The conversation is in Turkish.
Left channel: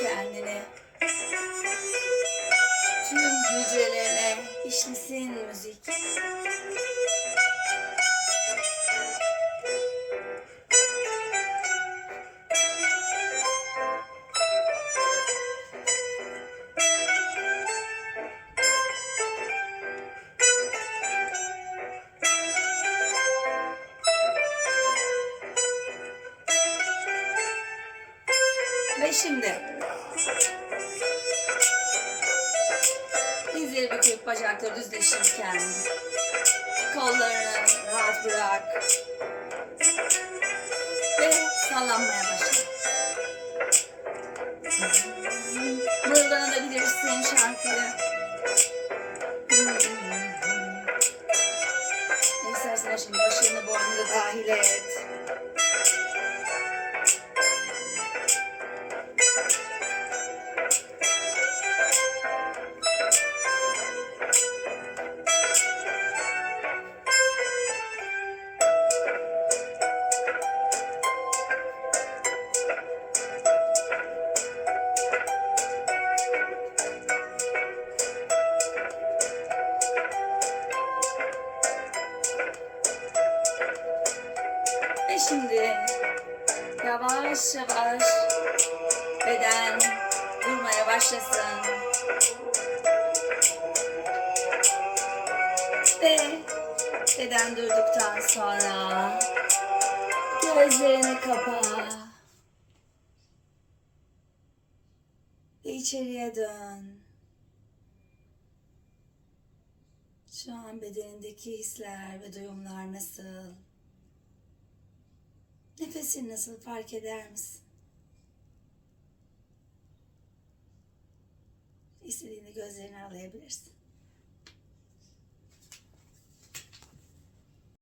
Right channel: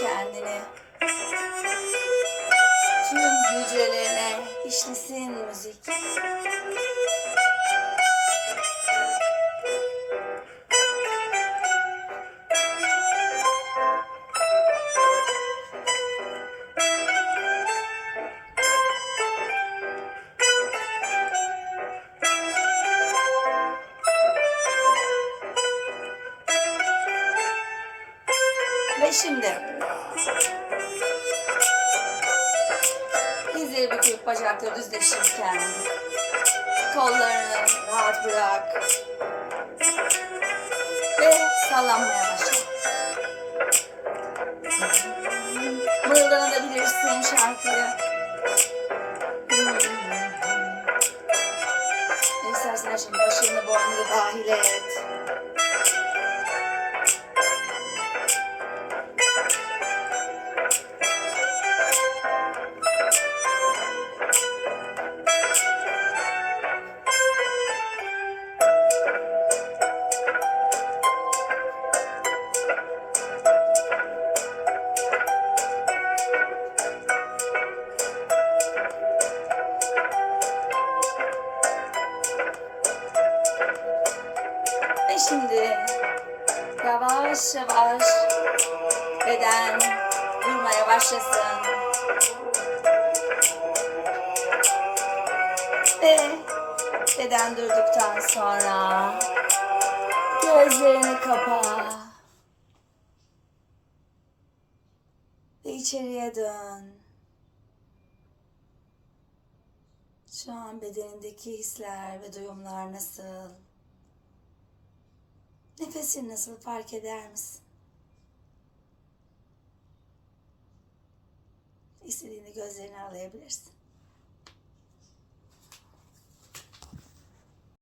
kendini. Tüm hücrelerine işlesin müzik. Ve şimdi dizleri büküp bacakları düzleşirken kollarını rahat bırak ve sallanmaya başla. Mırıldanabilirsin şarkıyı. Ne istersen şimdi başını boynunu dahil et. Şimdi yavaş yavaş beden durmaya başlasın. Ve beden durduktan sonra gözlerini kapa. Ve içeriye dön. Şu an bedenindeki hisler ve duyumlar nasıl? Nefesin nasıl fark eder misin? İstediğinde gözlerini aralayabilirsin.